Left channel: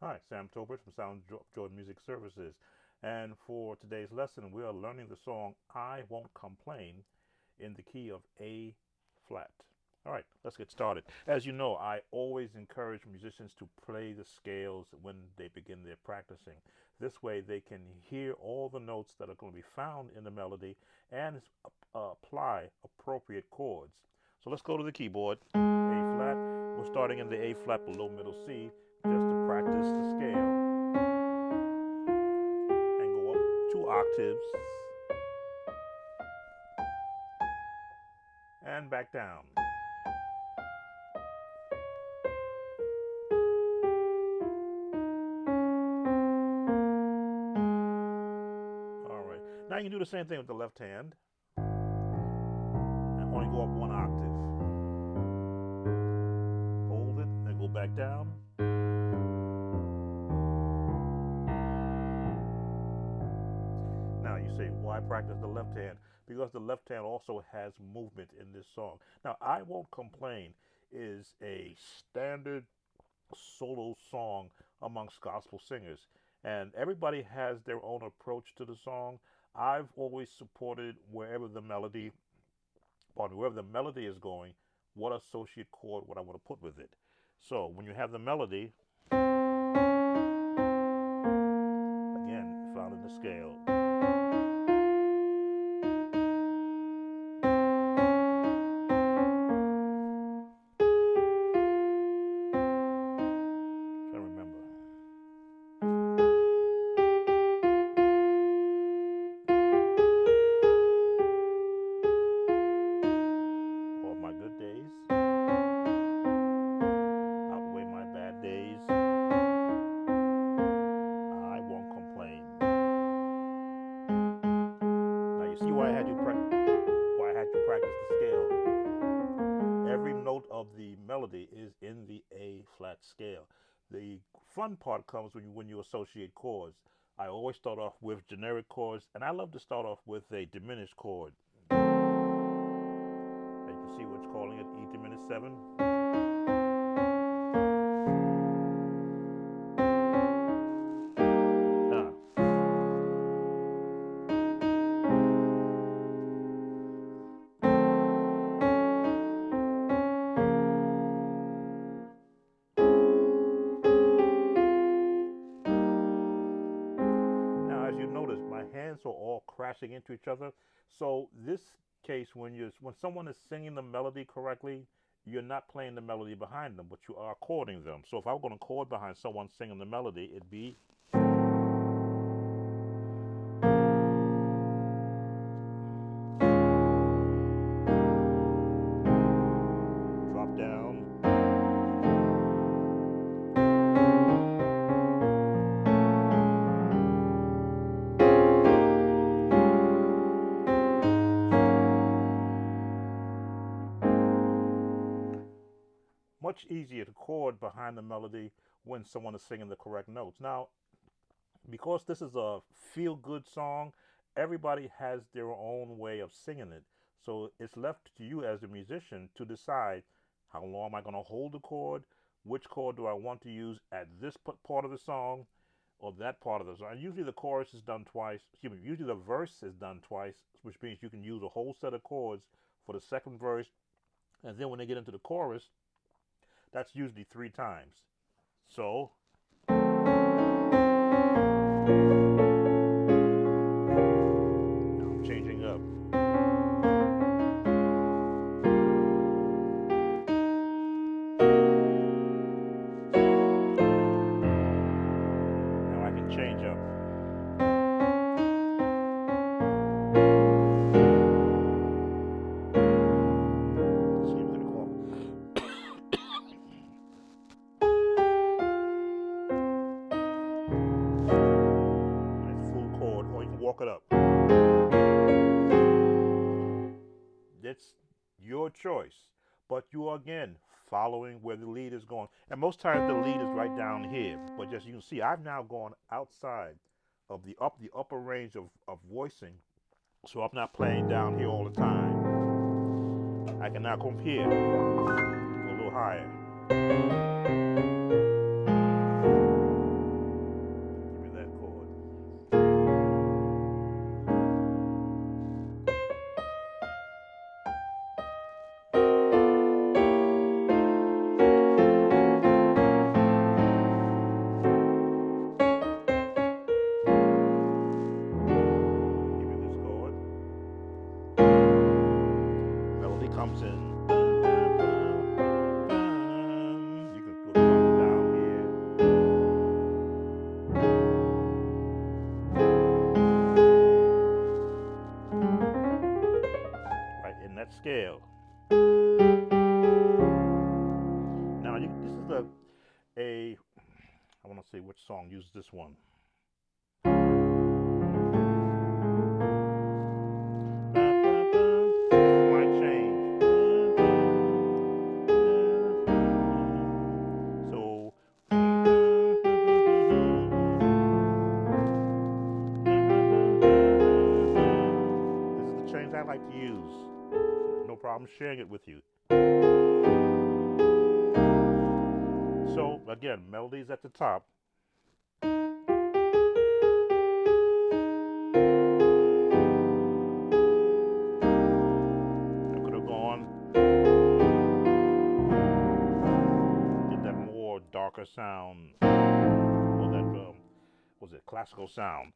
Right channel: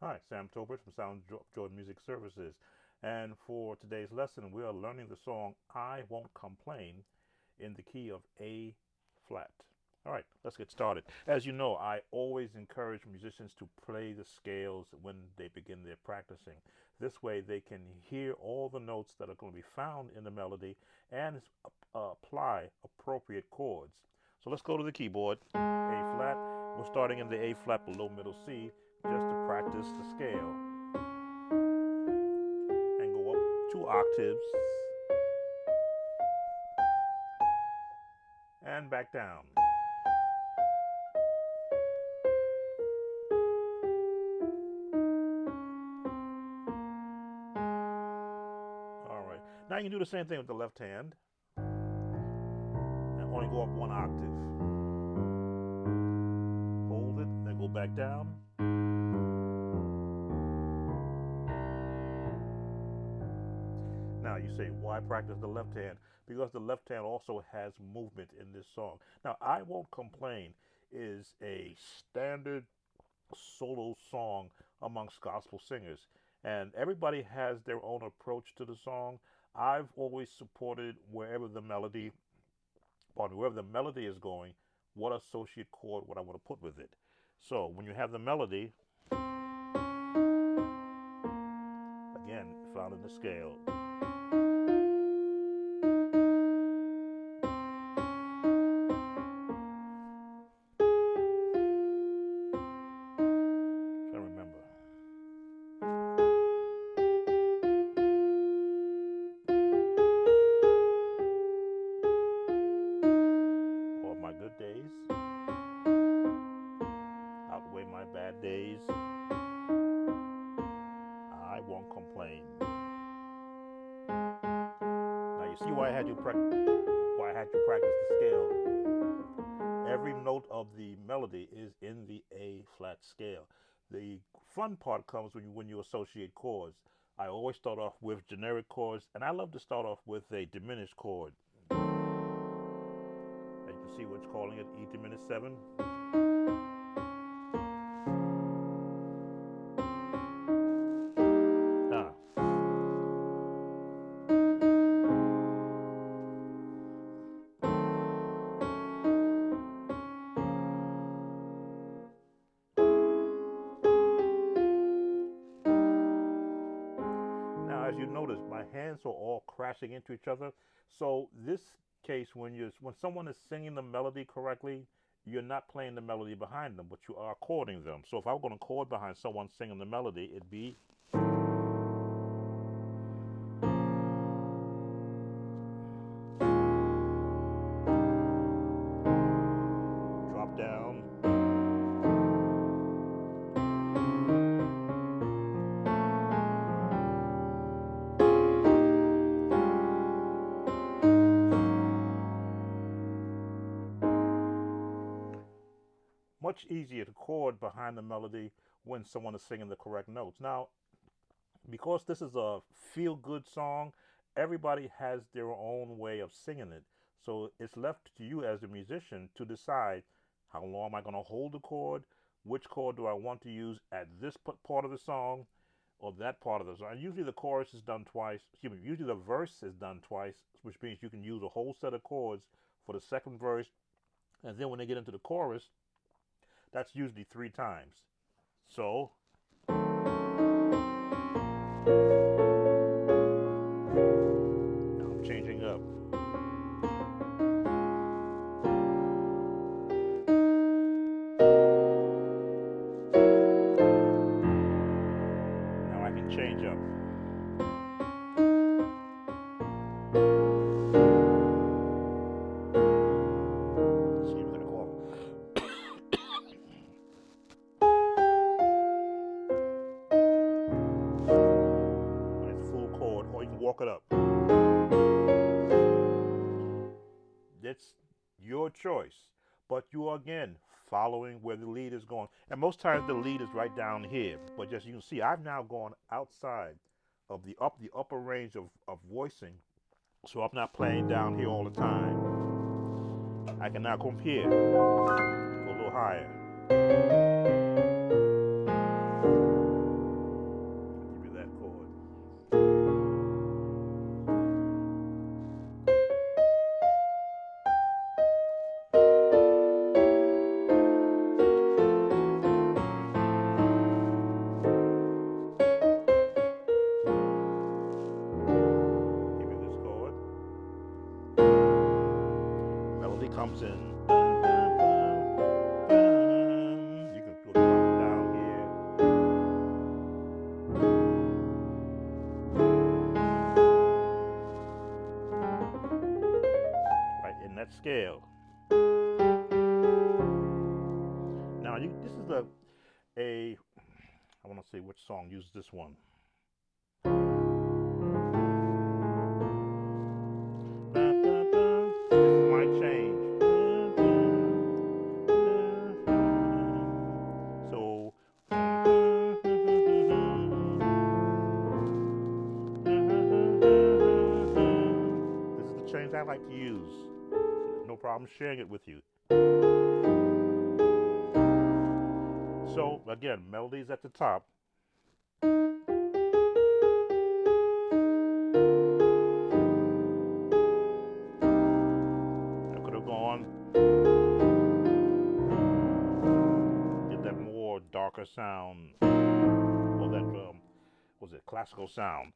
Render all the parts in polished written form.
Hi, Sam Tobert from Joy Music Services. And for today's lesson, we are learning the song I Won't Complain in the key of A flat. All right, let's get started. As you know, I always encourage musicians to play the scales when they begin their practicing. This way, they can hear all the notes that are going to be found in the melody and apply appropriate chords. So let's go to the keyboard. A flat. We're starting in the A flat below middle C just to practice the scale and go up 2 octaves and back down. All right. Now you can do the same thing with the left hand and only go up 1 octave. Hold it, then go back down. Now you say, why practice the left hand? Because the left hand also has movement in this song. Now, I Won't Complain is a standard solo song amongst gospel singers, and everybody has their own approach to the song. I've always supported wherever the melody is going, what associate chord would I want to put with it. So when you have the melody, again, found in the scale. Trying to remember. All my good days outweigh my bad days. I won't complain. Now you see why I had you practice the scale. Every note of the melody is in the A flat scale. The fun part comes when you associate chords. I always start off with generic chords, and I love to start off with a diminished chord. As you can see, we're calling it E diminished 7. Ah. Now, as you notice, my hands are all crashing into each other. So this case, when someone is singing the melody correctly, you're not playing the melody behind them, but you are chording them. So if I were going to chord behind someone singing the melody, it'd be drop down. Much easier to chord behind the melody when someone is singing the correct notes. Now, because this is a feel good song, everybody has their own way of singing it. So it's left to you as a musician to decide how long am I going to hold the chord, which chord do I want to use at this part of the song or that part of the song. And usually the chorus is done twice. Usually the verse is done twice, which means you can use a whole set of chords for the second verse. And then when they get into the chorus, that's usually 3 times. So now I'm changing up. Now I can change up. Excuse me, let me go when it's full chord, or you can walk it up. It's your choice, but you are again following where the lead is going. And most times the lead is right down here. But just you can see, I've now gone outside of the upper range of voicing, so I'm not playing down here all the time. I can now come here, go a little higher. comes in. You can go down here. Right in that scale. Now this is a I want to see which song uses this one. This might change. So this is the change I like to use. No problem sharing it with you. So again, melodies at the top. I could have gone, get that more darker sound, or that was it classical sound.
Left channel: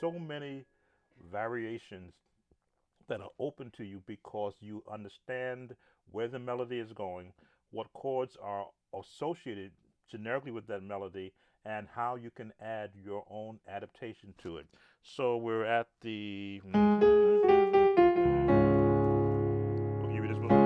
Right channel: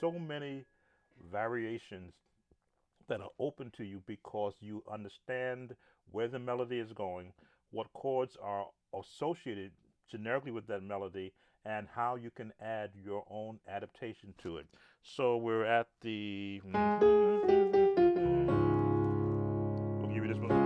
So many variations that are open to you because you understand where the melody is going, what chords are associated generically with that melody, and how you can add your own adaptation to it. So we're at the. We'll give you this one.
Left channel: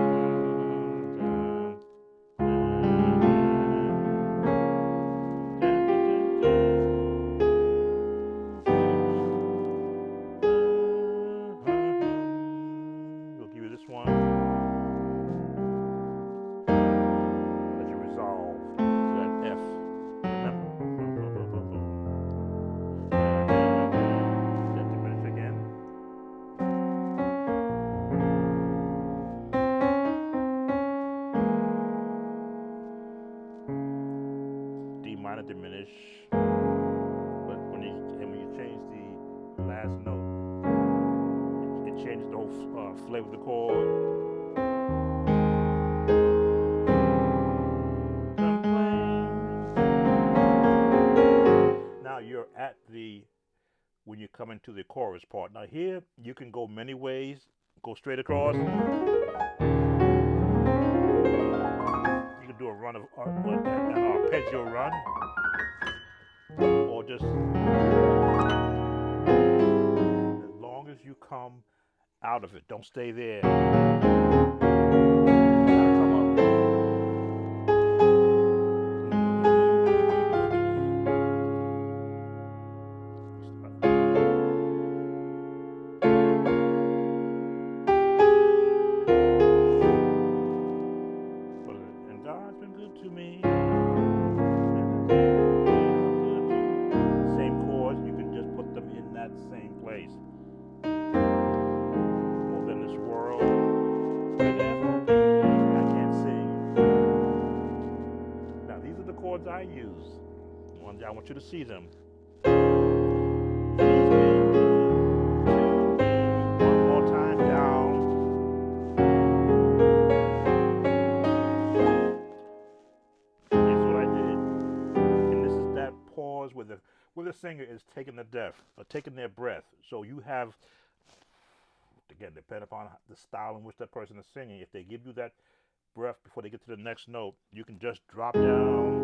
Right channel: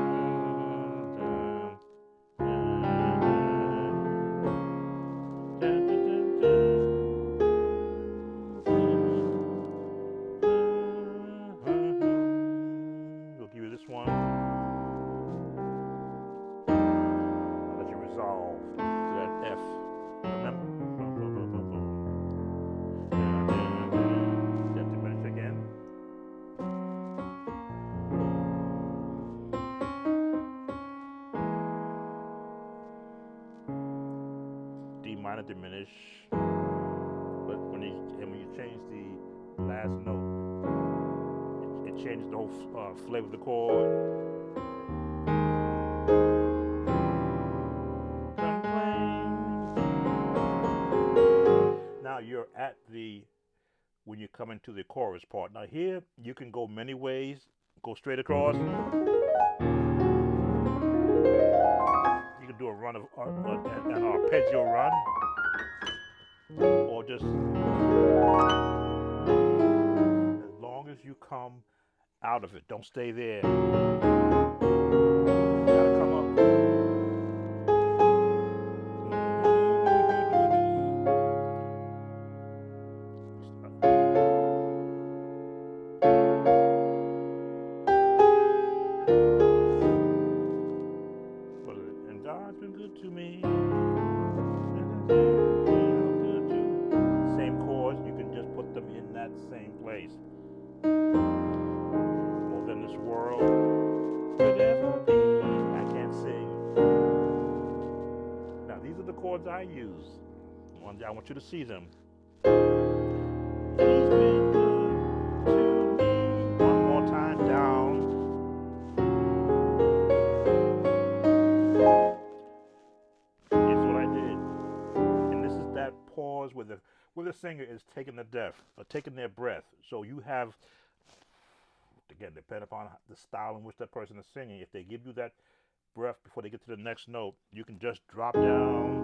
This one. I'll let you resolve to that F. Remember? That diminish again. D minor diminish. But when you change the last note, it changes the whole flavor of the chord. Now you're at when you come into the chorus part. Now here you can go many ways. Go straight across. You can do a run of an arpeggio run, or just as long as you come out of it. Don't stay there. Gotta come up. And God's been good to me. Same chords, you can just put them in that same place. More than this world could ever be. I can't sing. Now these are the chords I use. I want you to see them. He's been good to me. One more time down. Here's what I did. And this is that pause where the singer is taking taking their breath. So you have, again, depending upon the style in which that person is singing, if they give you that breath before they get to the next note, you can just drop down.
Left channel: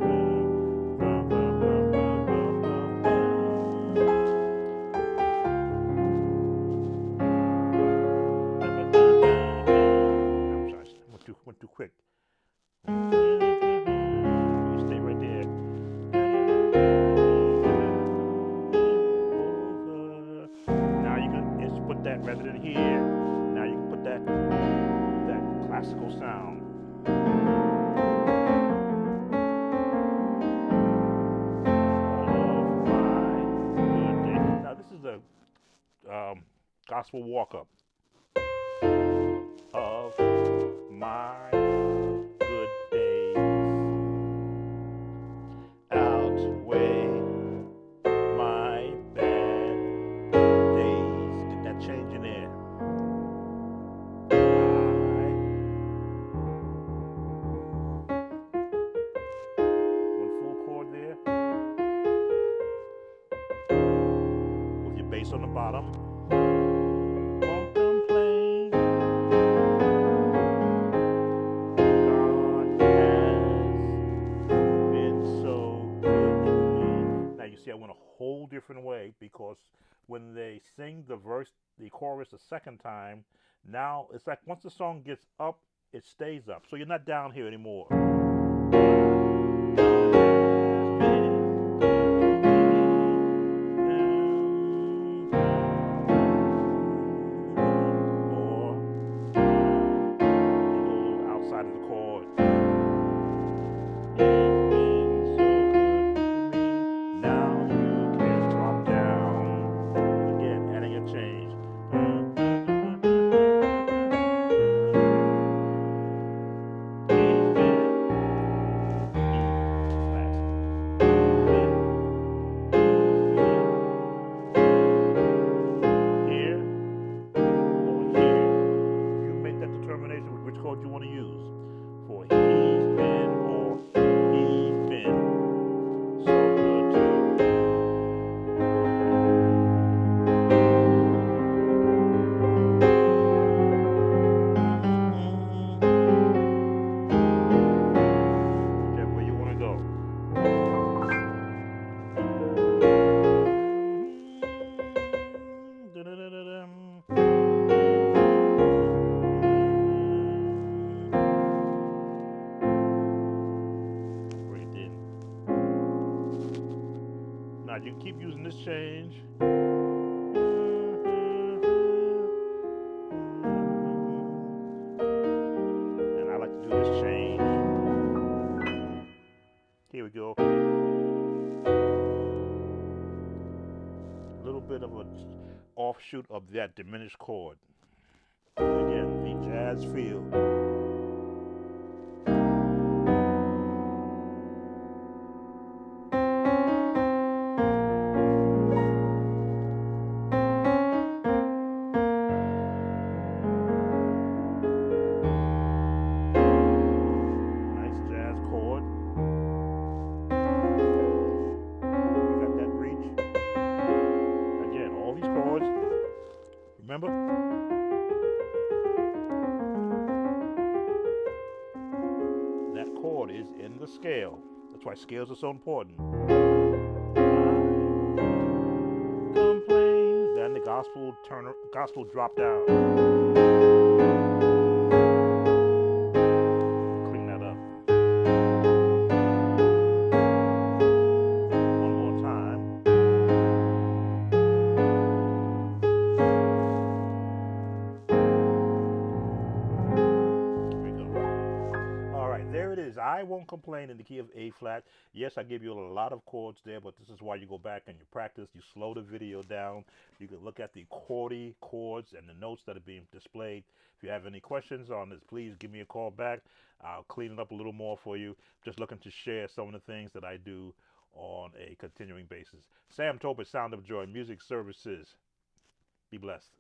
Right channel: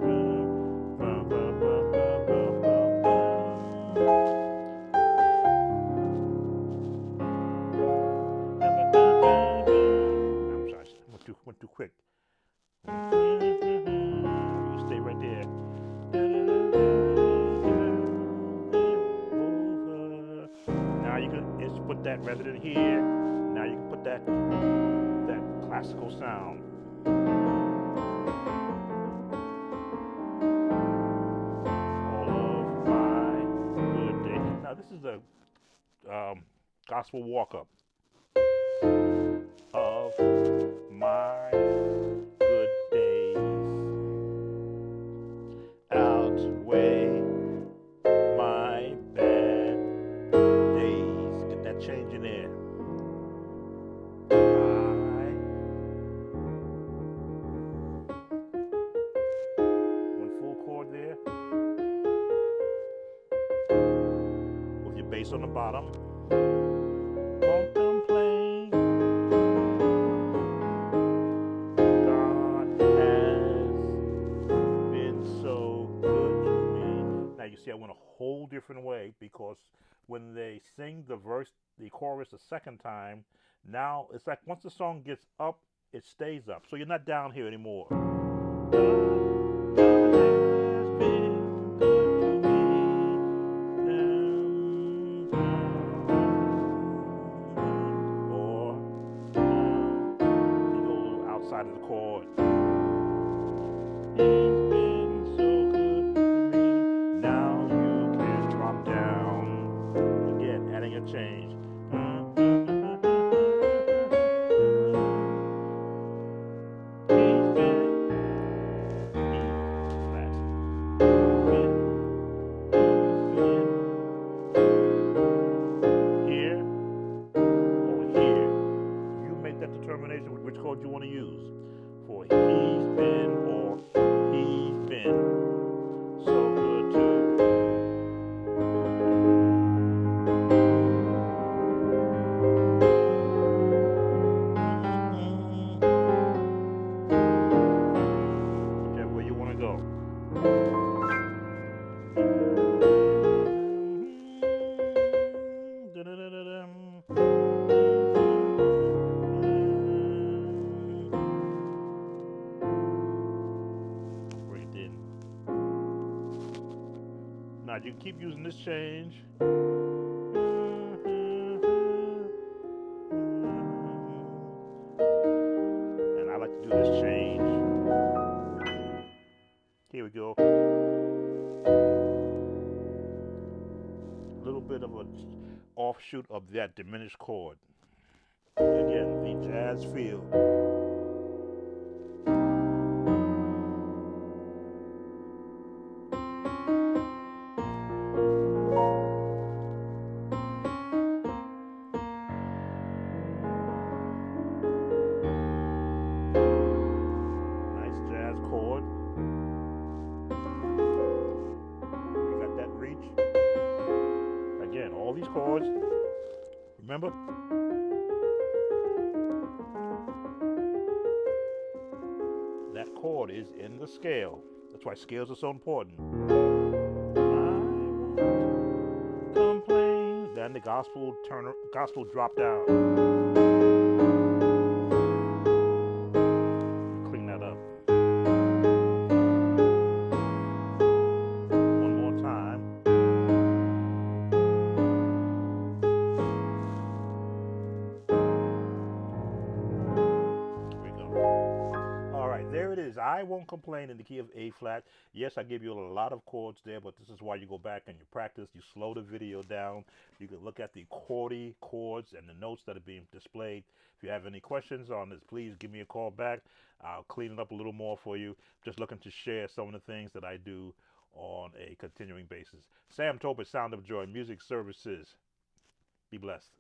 I'm sorry, went too quick. You stay right there. Now you can put that rather than here. Now you can put that classical sound. All of my good days. Now this is a gospel walk-up. Of my good days outweigh my bad days. Get that change in there. Bass on the bottom. Won't complain. God has been so good to me. Now you see I went a whole different way, because when they sing the chorus the second time, now it's like once the song gets up, it stays up. So you're not down here anymore. Outside of the chord. He's been so good to me. Now you can drop down. Again, adding a change. He's been flat. Here or here. You make that determination with which chord you want to use. For he's been or he's been so good to whichever way you want to go. Now you keep using this change. And I like to do this change. Here we go. A little bit of an offshoot of that diminished chord. Again, the jazz feel. Chord. We got that reach. Again, all these chords. Remember? That chord is in the scale. That's why scales are so important. I won't complain. Then the gospel drop down. Clean that up. There it is. I won't complain in the key of A flat. Yes, I give you a lot of chords there, but this is why you go back and you practice. You slow the video down. You can look at the chords and the notes that are being displayed. If you have any questions on this, please give me a call back. I'll clean it up a little more for you. Just looking to share some of the things that I do on a continuing basis. Sam Topper, Sound of Joy Music Services. Be blessed.